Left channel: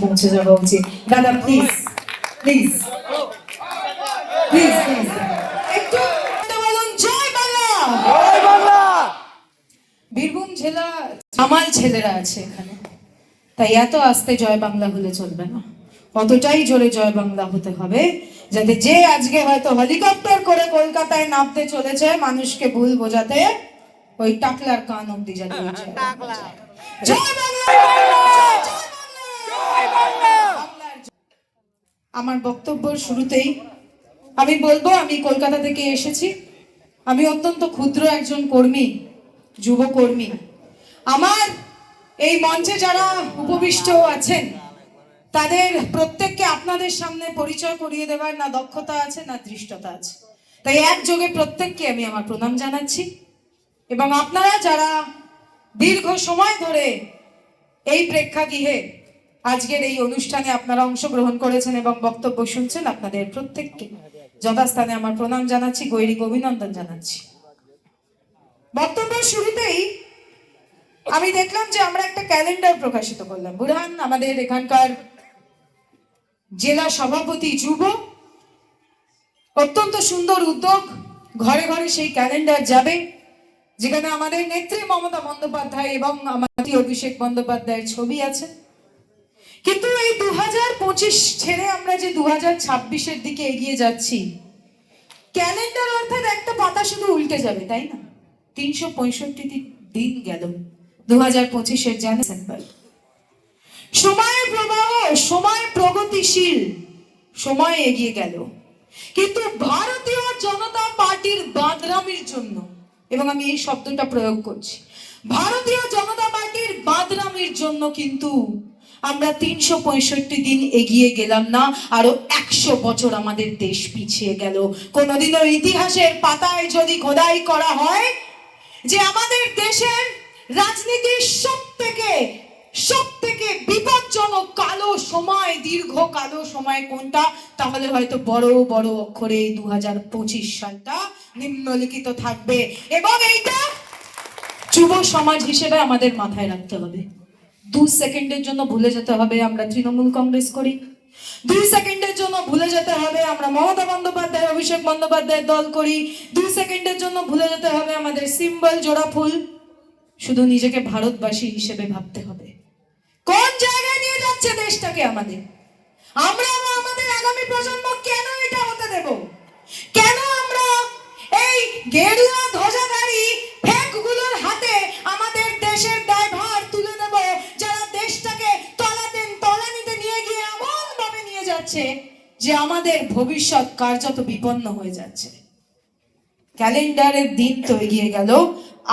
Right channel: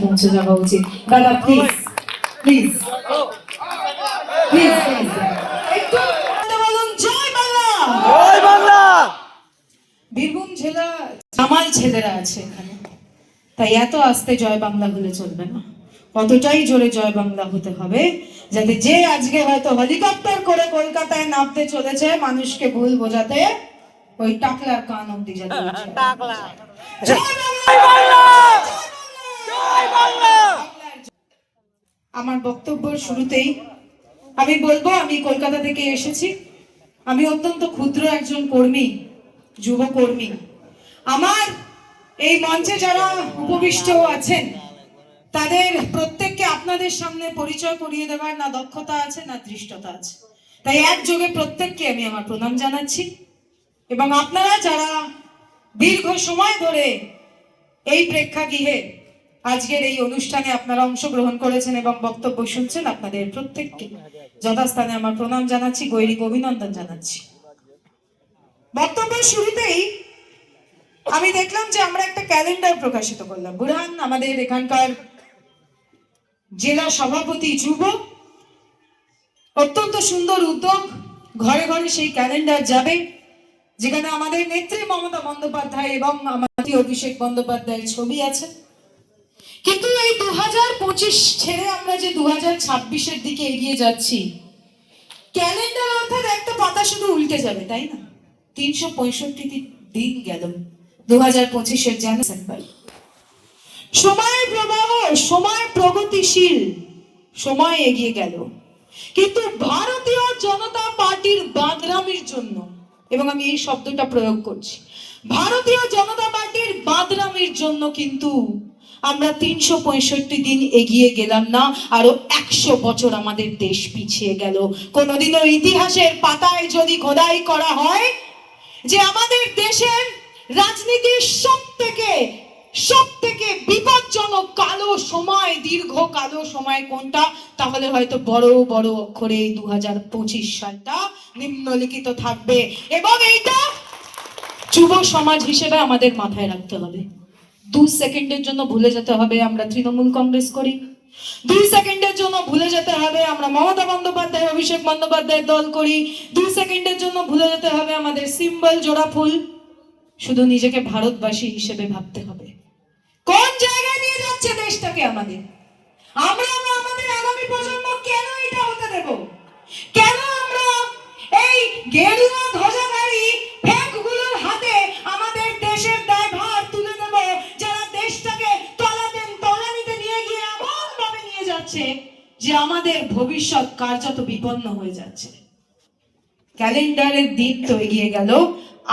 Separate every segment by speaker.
Speaker 1: পৌঁছে যাওয়া উচিত দাদা প্লিজ প্লিজ প্লিজ প্লিজ একটু বলুন জয় বাংলা
Speaker 2: জয় বাংলা
Speaker 1: বীরভূম জেলা আমার ছেলেরা আছে এখানে। তাই এত আস্তে জয় বাংলা হলে চলবে না। অতটাই জোরে জয় বাংলা হতে হবে যাতে যে আজকে হয়তো হেলিকপ্টার করে কলকাতায় নামতে চলেছে মানুষকে ভুল বোঝাতে ওই টাকলার কান অব্দি যাতে জয় বাংলা! আমার বক্তব্য শুরুতেই আমি বলব, আমি কলকাতা থেকে এসেছি। আমি অত্যন্ত ক্ষুদ্র একজন কর্মী, যুব কর্মী। আমার এই মঞ্চে যারা উপবিষ্ট আছেন, তাদের প্রত্যেককে আপনাদের সামনে পরিচয় করিয়ে দেওয়ার না দক্ষতা আছে, না দৃষ্টতা আছে। তাই একযোগে প্রত্যেককে আমি আমার প্রণাম জানাচ্ছি। এবং আপনারা যারা দীর্ঘ সময় ধরে এই প্রেক্ষাগৃহে আজকের এই অনুষ্ঠানে আপনারা অংশগ্রহণ করেছেন এবং বক্তব্য শুনছেন আপনাদের প্রত্যেককে। যথাস্থানে আমার প্রণাম জানাচ্ছি, গৈরিক অভিনন্দন জানাচ্ছি। বক্তব্যের শুরুতেই আমি দেখলাম যে আমরা একটা ক্যালেন্ডার প্রকাশিত করলাম। বুরহান আমাদের এখানকার জেলা সভাপতি যুব, অত্যন্ত সুন্দর উদ্যোগ। ঘরে ঘরে সেই ক্যালেন্ডার যাবে, যেখানে আমাদের নেত্রী মমতা বন্দ্যোপাধ্যায় এবং আমাদের অভিষেক বন্দ্যোপাধ্যায়ের ছবি আছে। কিন্তু এই দু হাজার পঁচিশ ছেড়ে আমরা যে দু হাজার ছাব্বিশের দিকে এগিয়ে যাচ্ছি, ক্যালেন্ডার অর্থাৎ একটা পাতা শুধু উল্টে যাবে, তাই না? তিনশো পঁয়ষট্টি দিন গেল দু হাজার পঁচিশের জানুয়ারি সময়ের প্রবাহ, সময় প্রগতিশীল, সময় এগিয়ে গেল। কিন্তু ভারতীয় জনতা পার্টির বাদরামির জন্য, এবং আমি এই শব্দটা প্রয়োগ করছি, ভারতীয় জনতা পার্টির বাদরামির জন্য কিন্তু আমরা তিনশো পঁয়ষট্টি দিন এগিয়ে গেলাম না, আরও একশো বছর আমাদের দেশ পিছিয়ে গেল। কোনোদিনও ইতিহাসের পাতায় যদি খোদাই করা হয়, যে আমাদের দেশের রাজনীতির সব থেকে সব থেকে বিপজ্জনক কালো সময়, দীর্ঘ কালো সময় কোনটা, তাহলে হয়তো বড় বড় অক্ষরে দু হাজার পঁচিশ সালটা নিম্নলিখিত থাকবে। এবং এইটা যুব সমাজ হিসেবে আমাদের মাথায় রাখতে হবে। দু সেকেন্ডের জন্য ভুলে যেতে হবে, আমরা তৃণমূল কংগ্রেস করি। দুই সেকেন্ডের জন্য ভুলে যেতে হবে, আমরা মমতা বন্দ্যোপাধ্যায়, অভিষেক বন্দ্যোপাধ্যায়ের দল করি। দুই সেকেন্ডের জন্য ভুলে যেতে হবে, আমাদের সিম্বল জোড়া ফুল। শুধু নিজেকে ভারতবাসী হিসেবে ভাবতে হবে। কোন জায়গায় নিয়ে যাচ্ছে দেশটাকে আমাদের? আমরা আমাদের আগামী প্রজন্ম কেন এটা হতে দেব? কেন আমরা এই ধ্বজাধারী যে আমাদের ভবিষ্যৎ কার্যত বিপন্ন হয়ে যাচ্ছে। ক্যালেন্ডারের দিন তো এগিয়ে গেল।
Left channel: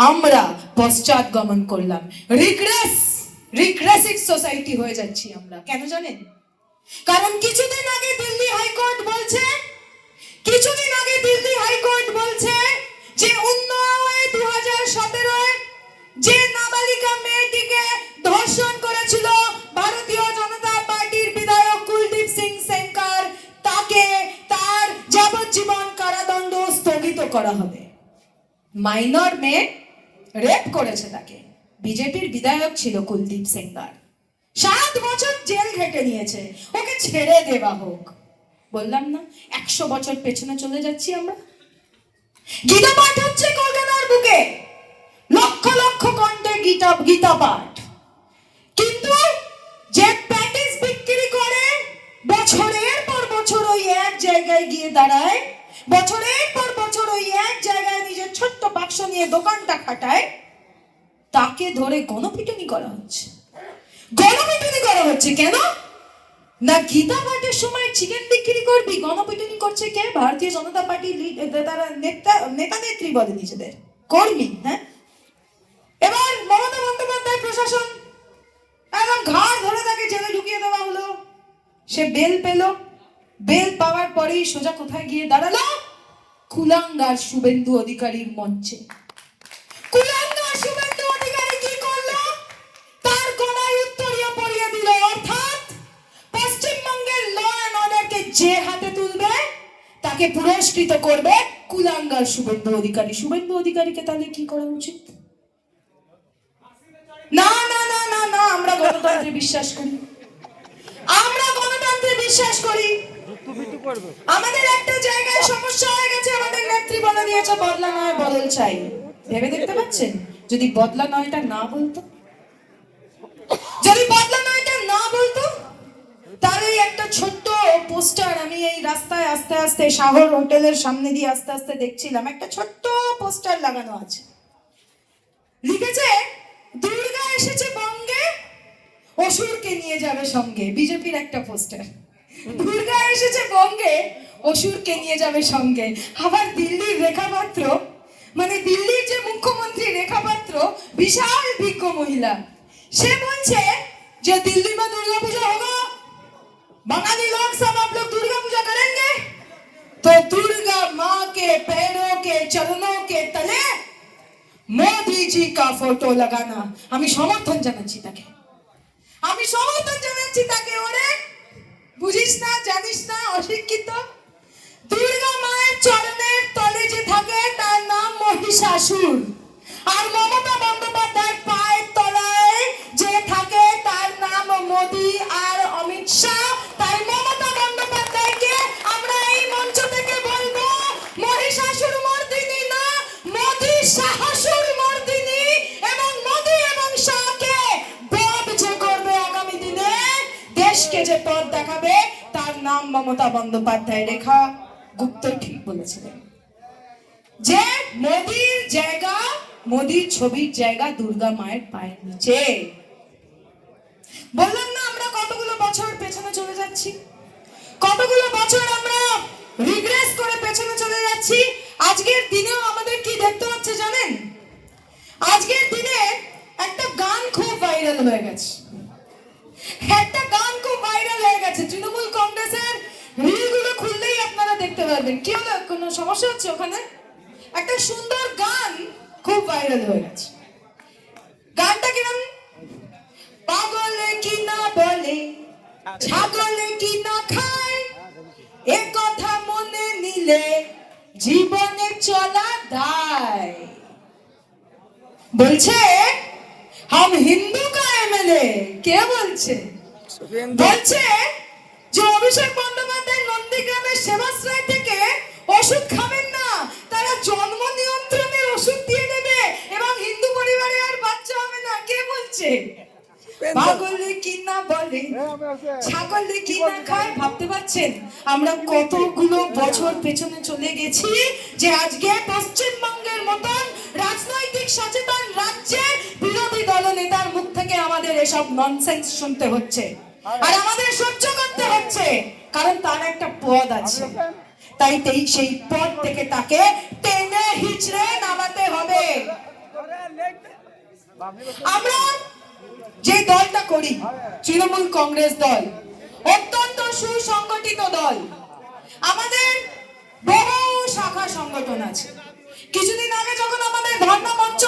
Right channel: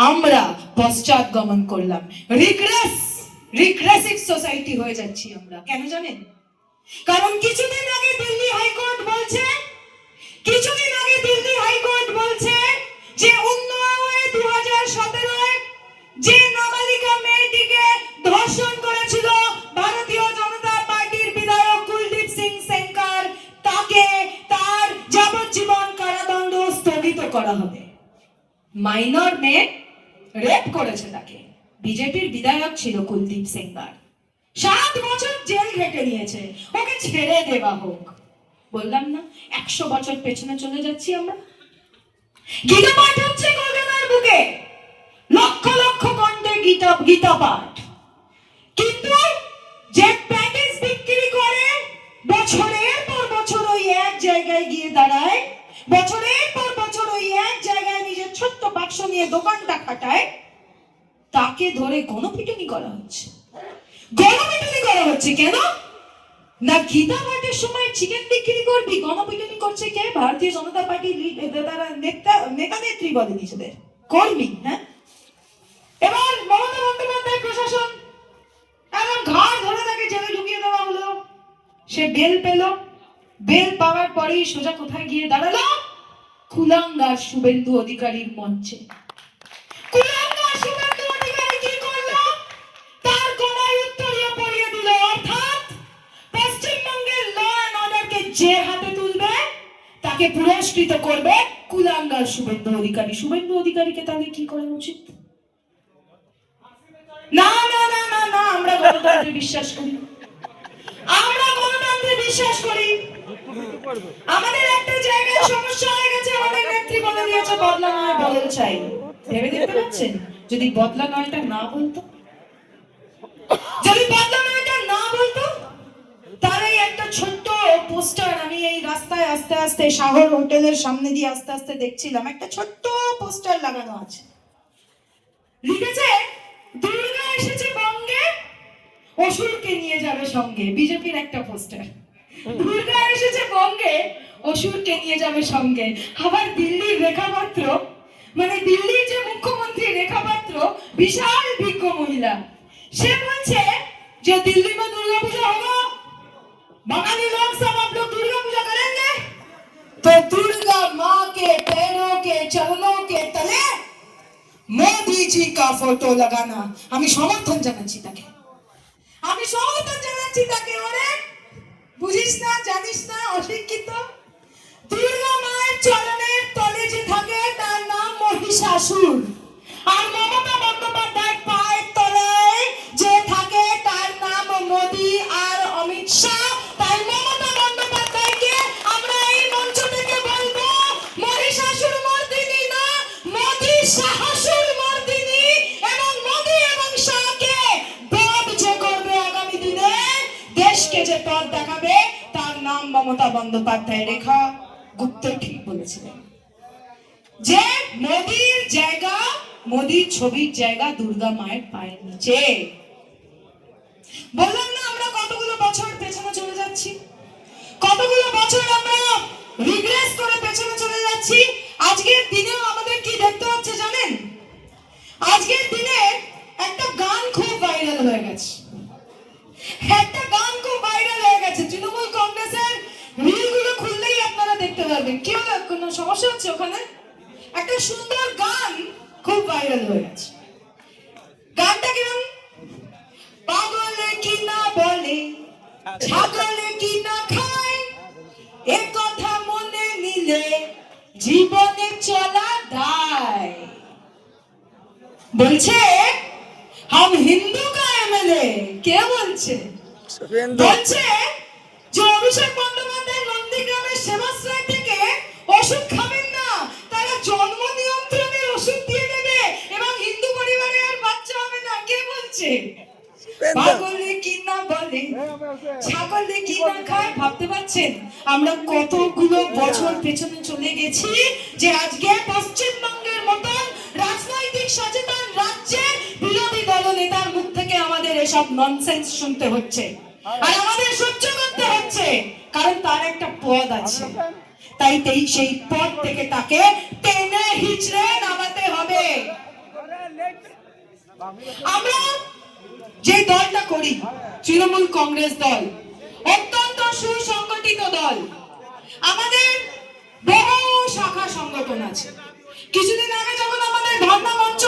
Speaker 1: আমরা পশ্চাৎ গমন করলাম। রিগ্রেস রিগ্রেসিভ সোসাইটি হয়ে যাচ্ছি আমরা। কেন জানেন? কারণ কিছুদিন আগে দিল্লি হাইকোর্ট বলছে, কিছুদিন আগে দিল্লি হাইকোর্ট বলছে যে উন্নয়নে করা হবে। মাইনর মেয়ে রেপ করেছে তাকে। বিজেপির বিধায়ক ছিল কুলদীপ সেঙ্গার। সাত বছর জেল ঘেটে নিয়েছে। ওকে ছেড়ে দেওয়া হোক। বললাম না, একশো বছর পেছনে চলে যাচ্ছি আমরা। গীতা পাঠ হচ্ছে কলকাতার বুকে। লক্ষ লক্ষ কণ্ঠে গীতা গীতা পাঠ। কিন্তু যে প্যাকেজ বিক্রি করে, বছরের পর বছর ওই এক জায়গায় গিয়ে দাঁড়ায়, বছরের বছর ওই এক জায়গায় নিজের ছোট্ট বাক্স নিয়ে দোকানটা খাটায়, তাকে ধরে গণপিটুনি করা হচ্ছে। গণপিটুনি করা হচ্ছে কেন? না গীতা সময় চিকেন বিক্রি করবি, গণপিটুনি করছে কে? ভারতীয় জনতা পার্টির লিড- তারা নেতা নেতা নেত্রী বলে নিজেদের। কর্মী হ্যাঁ? এবার মমতা বন্দ্যোপাধ্যায় প্রশাসন, এখন ঘাড় ধরে তাকে জেলে ঢুকিয়ে দেওয়া হলো। সে বেল পেল। বেল পাওয়ার পরেই সোজা কোথায় গিয়ে দাঁড়াল? কুলাঙ্গার শুভেন্দু অধিকারীর মঞ্চে। শুভেন্দু অধিকারী পুরস্কৃত করবে কুলাঙ্গার শুভেন্দু অধিকারী। শুভেন্দু অধিকারীকে তাহলে কি করা উচিত? না না না না না, আমরা গণতন্ত্রে বিশ্বাস করি। বিশ্বাস করি। আমাদের একটা জায়গায় সমস্যা হয়ে গেছে, আমাদের নেত্রী বলে দিয়েছে, বদলা নয় বদল চাই। ভেবে দেখতে পাচ্ছেন? যদি বদলা নয়টা না বলতো? যদি বদলা নয়টা না বলতো? একটা ছোট্ট পোস্টার আমি এই রাস্তায় আস্তে আস্তে, সাগর হোটেলের সামনে দিয়ে আস্তে আস্তে দেখছিলাম। একটা ছোট্ট পোস্টার লাগানো আছে। লিখেছে, দুর্গা এসেছে বঙ্গে, অসুরকে নিয়ে যাবে সঙ্গে। বিজেপির একটা পোস্টার। দুর্গা এসেছে বঙ্গে অসুরকে নিয়ে যাবে সঙ্গে আবার দিল্লির রেখা পাত্র মানে দিল্লির যে মুখ্যমন্ত্রী রেখা পাত্র বিশাল বিজ্ঞ মহিলা সে বলছে যে दिल्ली में दुर्गा पूजा होगा बंगाली लोग सब आप लोग दुर्गा पूजा करेंगे तो दुर्गा माँ के पैरों के चरणों के तले মোদিজি কা ফটো লাগানা আমি সমর্থন জানাচ্ছি তাকে আমি সমর্থন জানাচ্ছি তাকে ওরে বুঝিস না, জানিস না, অশিক্ষিত? দুর্গা মায়ের চরণের তলে যে থাকে, তার নাম মহিষাসুর। আর মমতা বন্দ্যোপাধ্যায় পায়ের তলায় যে থাকে, তার নাম মোদী। আর মমতা বন্দ্যোপাধ্যায় রেখা গুপ্ত ঠিক বলেছিলেন। যে মোদির জায়গা, মোদির ছবির জায়গা দুর্গা মায়ের পায়ের নিচে। বললাম না আমরা কতগুলো বছর পেছনে চলে যাচ্ছি? কতগুলো বছর আমরা রিগ্রেস করে পেছনে চলে যাচ্ছি? আজকের দিনেও আমাদের কি দেখতে হচ্ছে জানেন? আজকের দিনে একটা গান খুব ভাইরাল হয়ে গেছে। একটা গান পারবেন কি হলো কোনো সমস্যা হচ্ছে ওখানে? একটা সুন্দর গান খুব ভাইরাল হয়ে গেছে। গানটা কিরম পাগলে কি না বলে ছাগলে কি না খায়? এ কথা মনে নিলে জীবনে চলা দায়। বলছে হাম হিন্দু কা এমএলএ কে বলছে? বলছে যে অভিষেক বন্দ্যোপাধ্যায় নন্দীগ্রামের সেবাশ্রয় থেকে ওষুধ খাবেন না। তারা জন্ম নিয়ন্ত্রণের ওষুধ দিয়ে দেবে এবং হিন্দু পরিবারে আর বাচ্চা হবে না। কে বলছে? পাগলে কি না বলে? ছাগলে কি না খায় ভাবতে পারছেন? আমরা কতগুলো বছর পেছনে চলে গেছি যে আজকে পশ্চিমবঙ্গের মতন রাজনৈতিক সচেতন রাজ্যে বিরোধী দল নেতার মুখ থেকে আমাদের এসব ননসেন্স শুনতে হচ্ছে। আর। আমাদের সহ্য করতে হচ্ছে। কারণ তার একটা পদ আছে। তাই সেই পদ থেকে তাকে টেনে হিচড়ে নামাতে হবে। আমরা যে দলটা করি, তৃণমূল কংগ্রেস দল, অত্যন্ত সুসংগঠিত দল, আমাদের বহু শাখা সংগঠন আছে। কিছুদিন আগে যখন আমাদের ধর্ণা মঞ্চ